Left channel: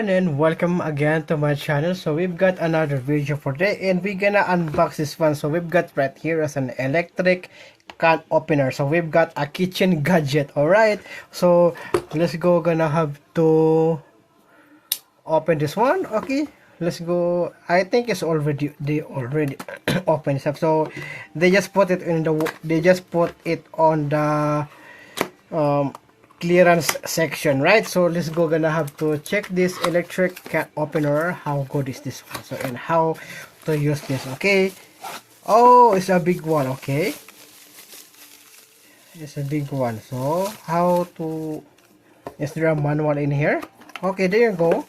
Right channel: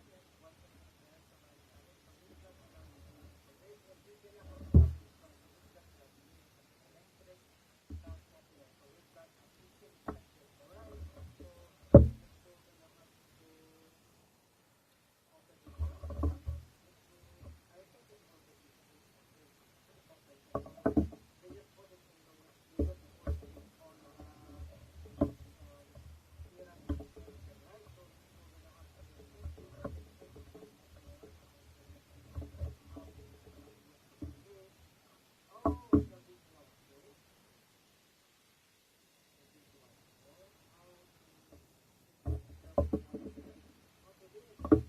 everyone, and welcome again to my channel. So we've got another video for today, and we're gonna unbox this one. So we've got right here as an electric can opener. So we've got a kitchen gadget. All right, so let's go. Gonna have to open this one. Okay, let's go. I think it's already they already open this up. So they just put it in the on the um clearance section, right? So let's go. Gonna have to check this electric can opener. How good is this one? So, and how to use this. Okay, oh, it's a big one. Okay, it's a big one. So how to, is there a manual in here? Okay, there you go.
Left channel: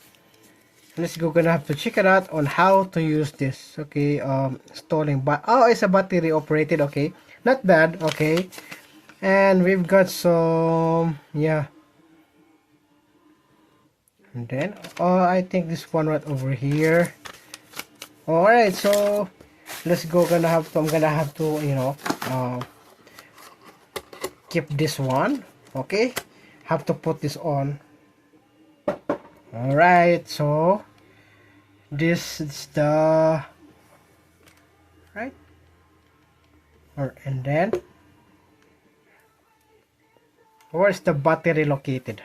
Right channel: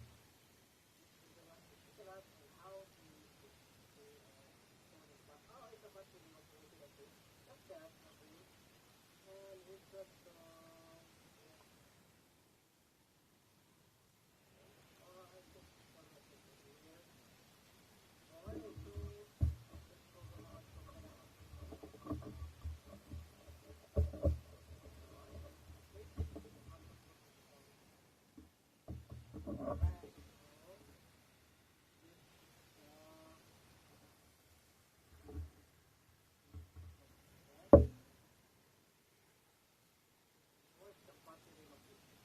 Let's go. Gonna have to check it out on how to use this. Okay, installing, but oh, it's a battery operated. Okay, not bad. Okay, and we've got some, yeah, and then I think this one right over here. All right, so let's go. I'm gonna have to, keep this one. Okay, have to put this on. All right, so this is the right, or and then where's the battery located?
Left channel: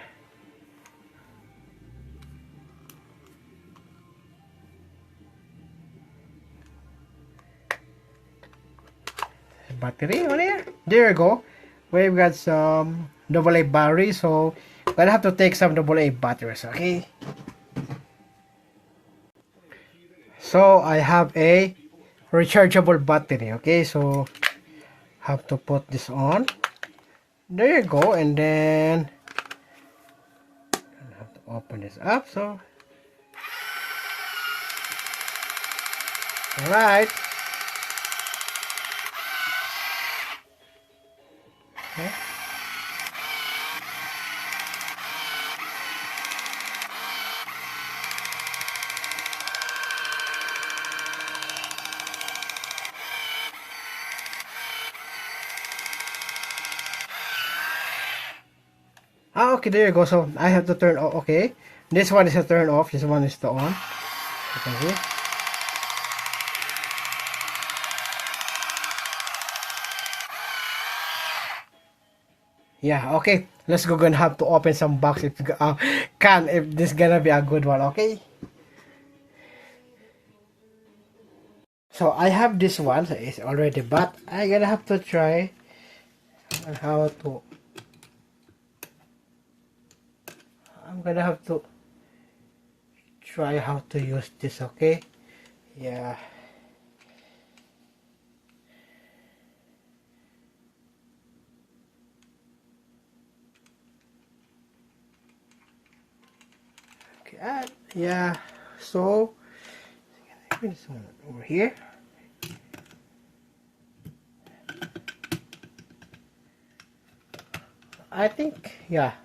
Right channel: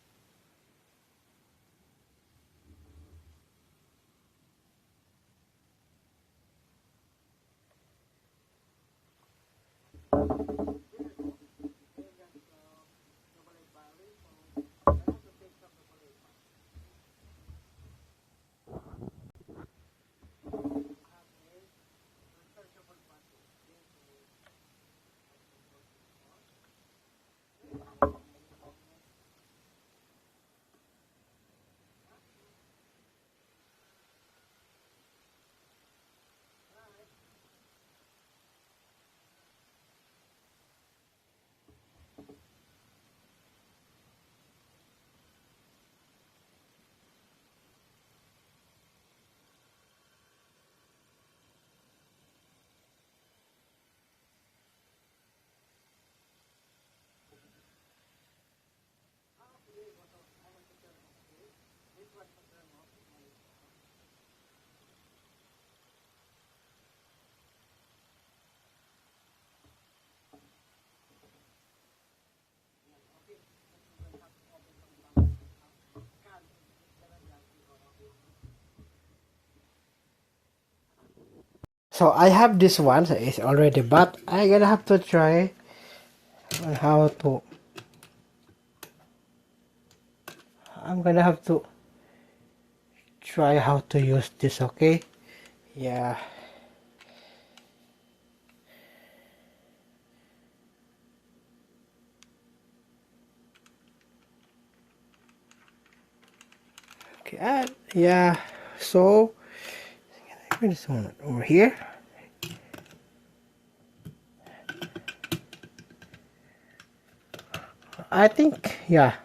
Battery on here. There you go. We've got some AA batteries, so gonna have to take some AA batteries. Okay, so I have a rechargeable battery. Okay, so have to put this on. There you go, and then I have to open this up. So all right. Okay. Ah, okay, there you go. So I have to turn off. Okay, this one is to turn off. This one is to on. You can see. Yeah, okay. Let's go. Gonna have to open some box if if this gonna be a good one. Okay. So I have this one. So it's already, but I gonna have to try on how to. I'm gonna have to try how to use this. Okay. Yeah. Okay. Yeah. So this one over here. I think, yeah.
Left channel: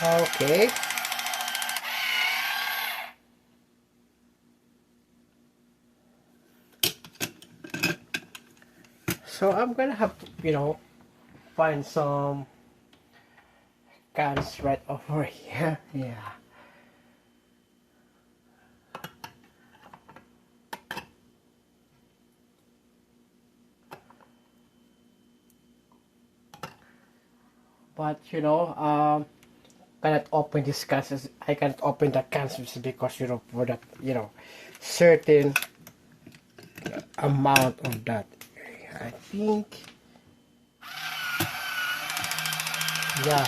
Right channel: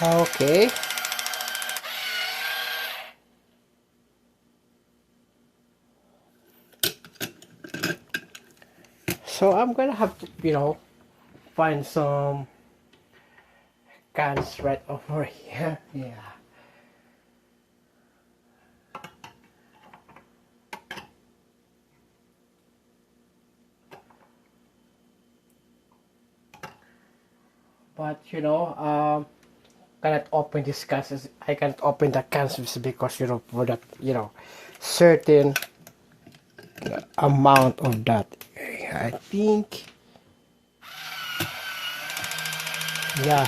Okay. So I'm gonna have to, find some cans right over here. Yeah. But cannot open these cans. I cannot open the cans because for that certain amount of that. I think, yeah.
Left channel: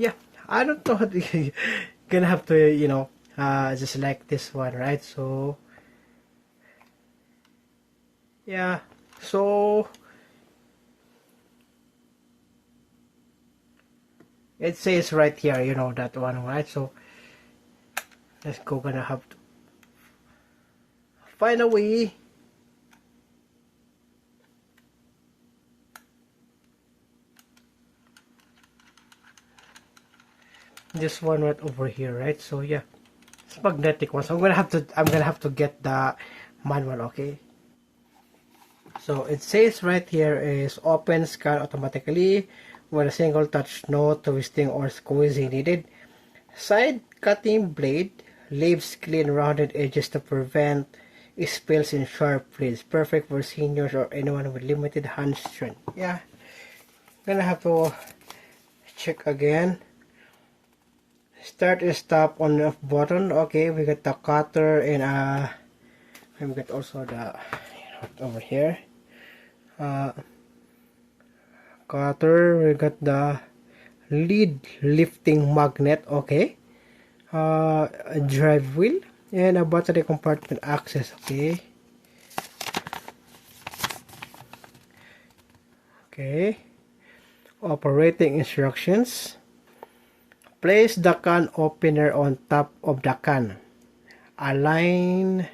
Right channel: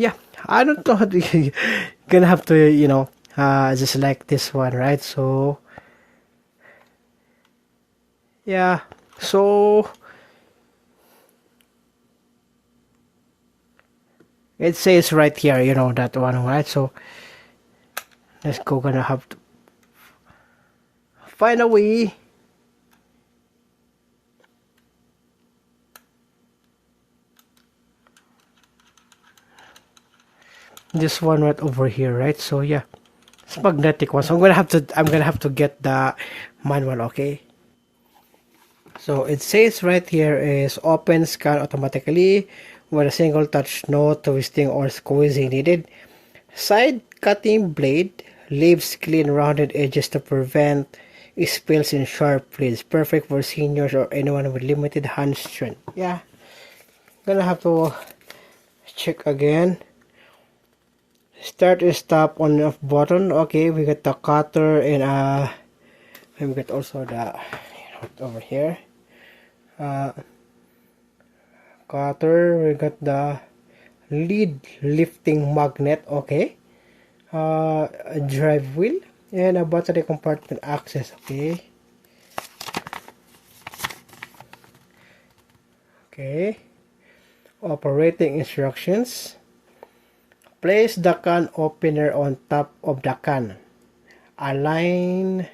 Yeah. I don't know how to gonna have to just like this one, right? So yeah. So it says right here, that one, right? So let's go. Gonna have to find a way. This one right over here, right? So yeah. It's magnetic one. So I'm gonna have to get the manual, okay? So it says right here is open scan automatically with a single touch, no twisting or squeezing needed. Side cutting blade leaves clean rounded edges to prevent spills in sharp blades. Perfect for seniors or anyone with limited hand strength. Yeah, gonna have to check again. Start and stop on off button. Okay, we got the cutter and we got also the over here. Cutter. We got the lead lifting magnet. Okay. A drive wheel and a battery compartment access. Okay. Okay. Operating instructions. Place the can opener on top of the can. Align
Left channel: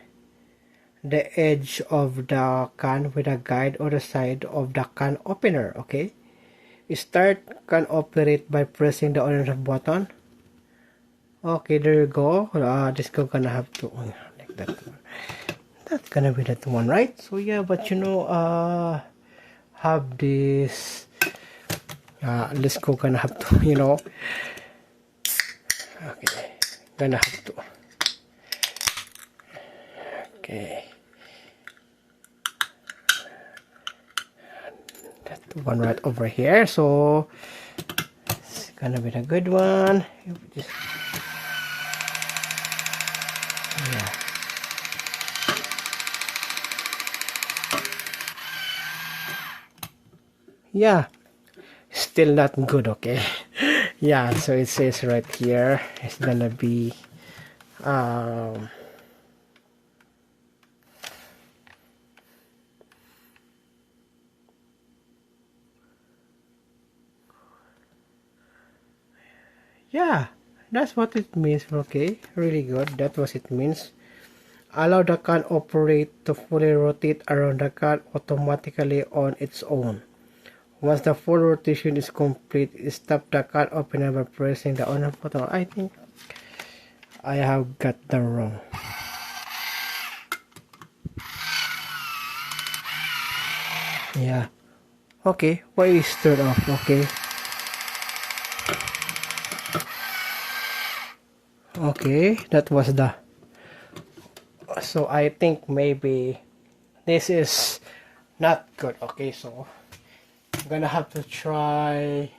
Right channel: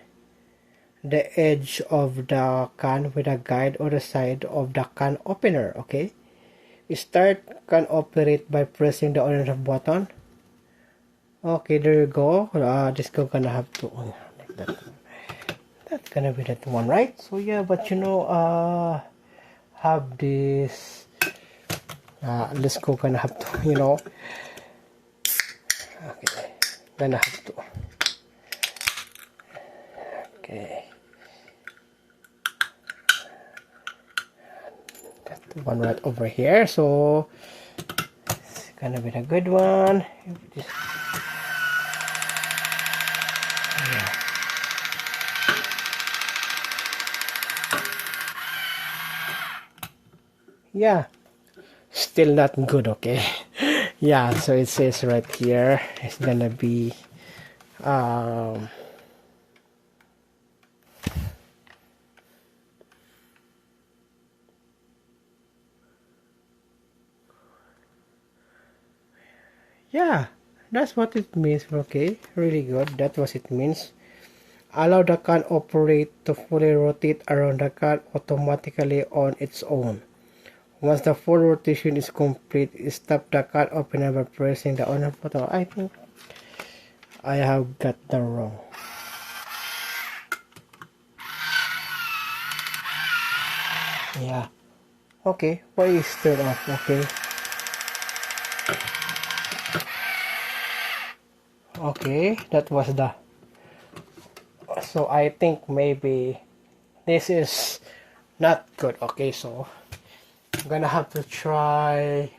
the edge of the can with a guide on the side of the can opener. Okay. Start can operate by pressing the on off button. Okay, there you go. This go gonna have to like that. That's gonna be that one, right? So yeah, but you know, have this. Let's go. Gonna have to, you know. Okay, gonna have to. Okay, that one right over here. So it's gonna be a good one. Yeah. Yeah, still not good. Okay. Yeah, so it says right here it's gonna be yeah, that's what it means. Okay, really good. That's what it means. Allow the can operate to fully rotate around the can automatically on its own. Once the full rotation is complete, stop the can opener by pressing the on button. I think I have got that wrong. Yeah. Okay, why is turned off? Okay. Okay, that was the. So I think maybe this is not good. Okay, so I'm gonna have to try.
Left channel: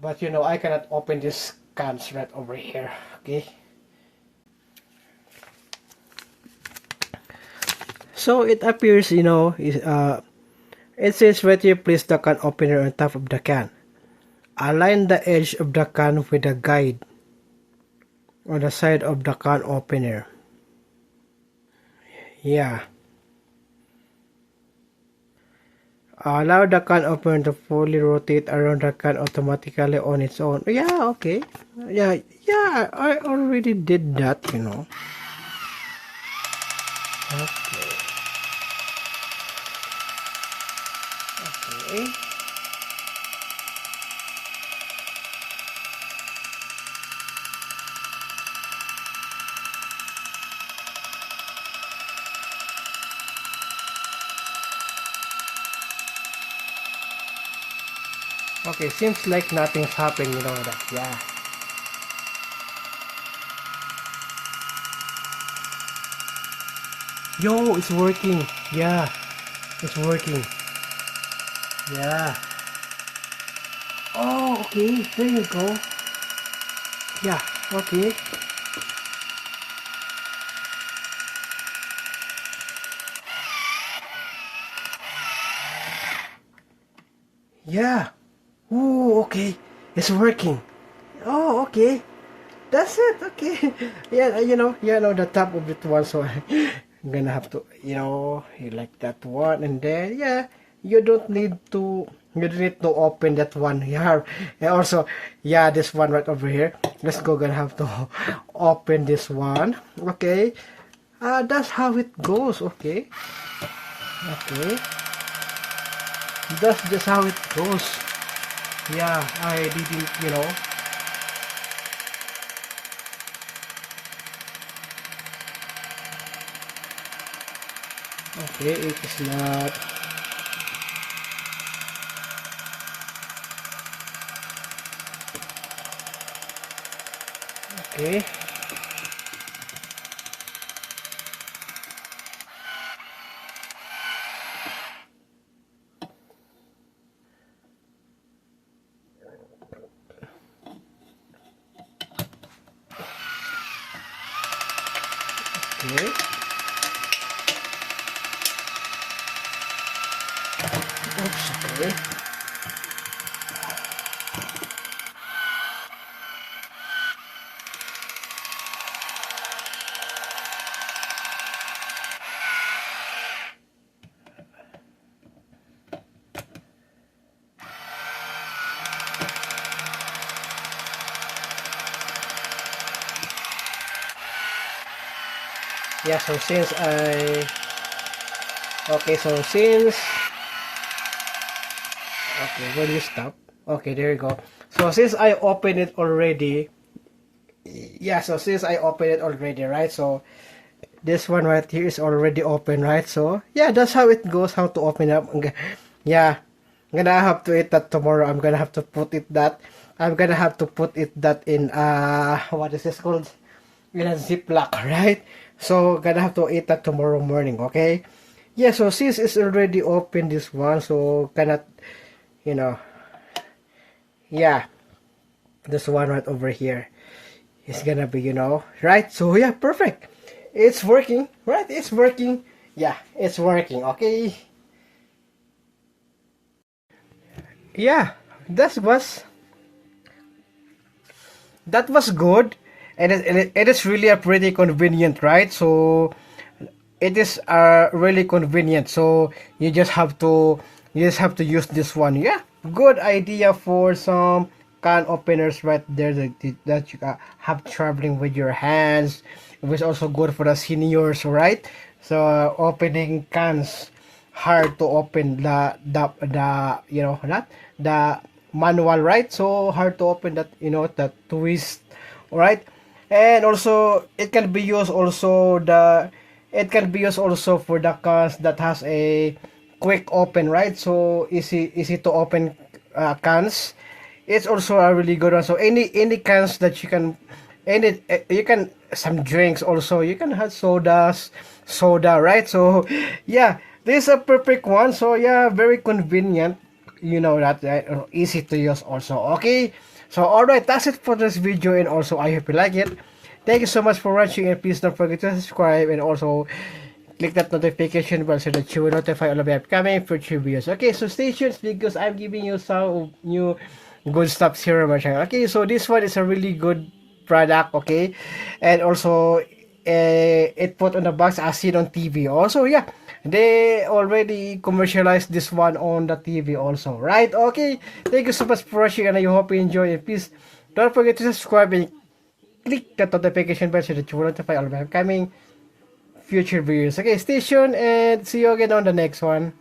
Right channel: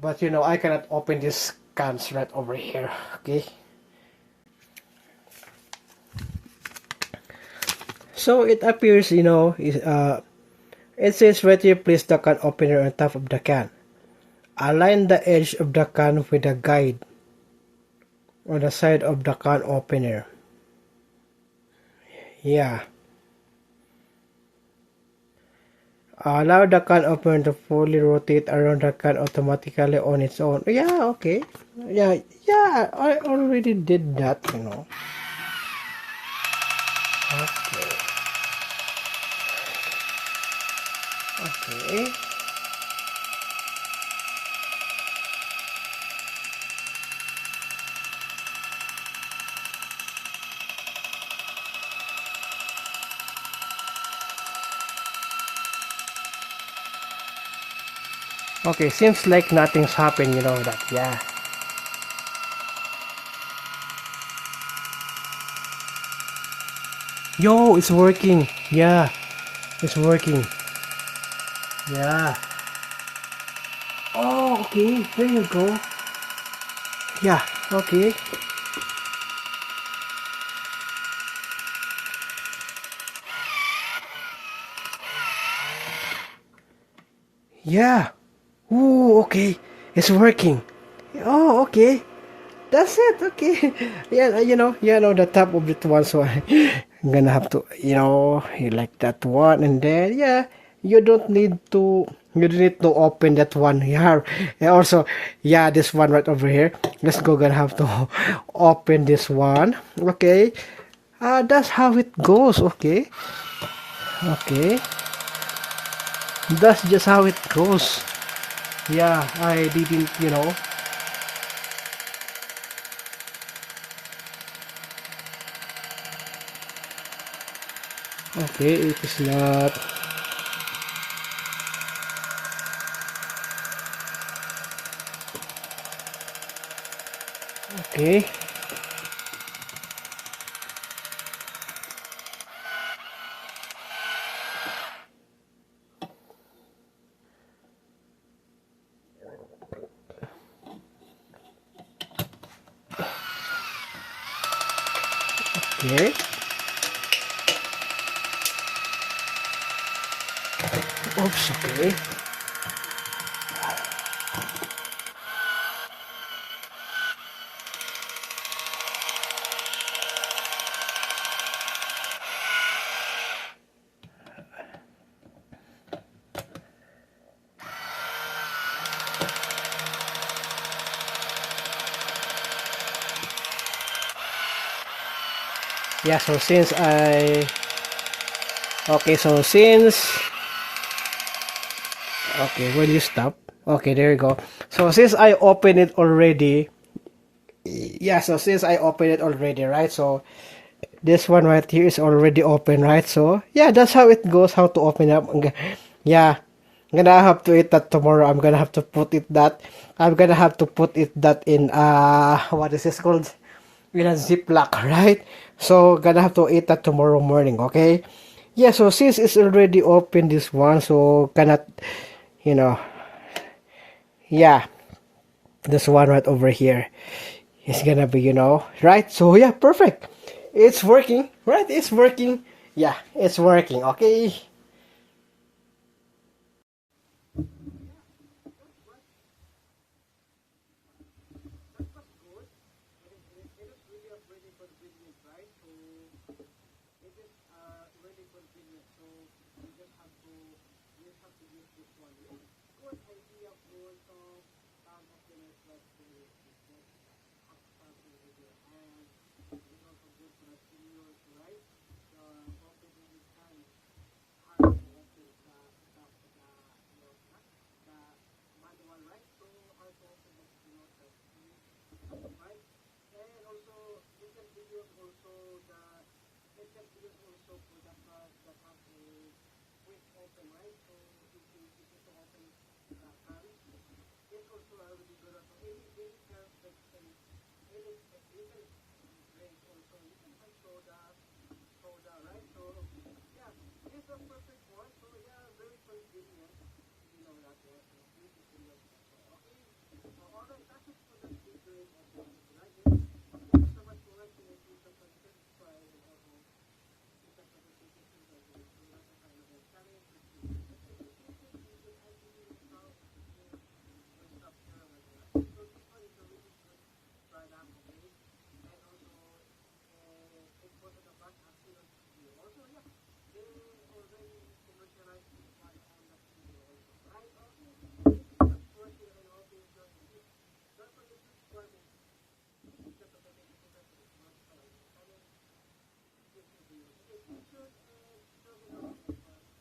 But you know, I cannot open this cans right over here. Okay. So it appears, you know, it says right here, place the can opener on top of the can. Align the edge of the can with the guide on the side of the can opener. Yeah. Allow the can opener to fully rotate around the can automatically on its own. Yeah, okay. Yeah, I already did that, you know. Okay. Okay. Okay, seems like nothing's happened, you know that, yeah. Yo, it's working. Yeah, it's working. Yeah. Oh, okay, there you go. Yeah, okay. Yeah. Oh, okay. It's working. Oh, okay. That's it. Okay. Yeah, you know the top of it one. So I'm gonna have to, you like that one, and then yeah, you don't need to. You don't need to open that one here. And also, yeah, this one right over here. Let's go. Gonna have to open this one. Okay. That's how it goes. Okay. Okay. That's just how it goes. Yeah, I didn't, Okay, it is not. Okay. Okay. Oops, okay. Yeah, so since I... Okay, so since... Okay, when you stop. Okay, there you go. So since I opened it already... Yeah, so since I opened it already, right? So this one right here is already open, right? So yeah, that's how it goes, how to open up. Yeah, I'm gonna have to eat that tomorrow. I'm gonna have to put it that... I'm gonna have to put it that in... What is this called? In a ziplock, right? So gonna have to eat that tomorrow morning, okay? Yeah, so since it's already open this one, so cannot, you know, yeah, this one right over here is gonna be, right? So yeah, perfect. It's working, right? It's working. Yeah, it's working, okay? Yeah, that was good, and it is really a pretty convenient, right? So it is really convenient. So you just have to use this one. Yeah, good idea for some can openers right there that you have traveling with your hands. It was also good for the seniors, right? So opening cans hard to open the manual, right? So hard to open that, that twist, right? And also it can be used also for the cans that has a quick open, right? So easy to open cans. It's also a really good one. So any cans that you can some drinks also. You can have soda, right? So yeah, this is a perfect one. So yeah, very convenient. You know that, easy to use also. Okay. So alright, that's it for this video, and also I hope you like it. Thank you so much for watching, and please don't forget to subscribe and also click that notification bell so that you will notify all of the upcoming future videos. Okay, so stay tuned because I'm giving you some new good stuff here on my channel. Okay, so this one is a really good product, okay, and also it put on the box as seen on TV. Also, yeah, they already commercialized this one on the TV also, right? Okay, thank you so much for watching, and I hope you enjoy it. Please don't forget to subscribe and click that notification bell so that you will notify all of the upcoming future videos. Okay, stay tuned and see you again on the next one.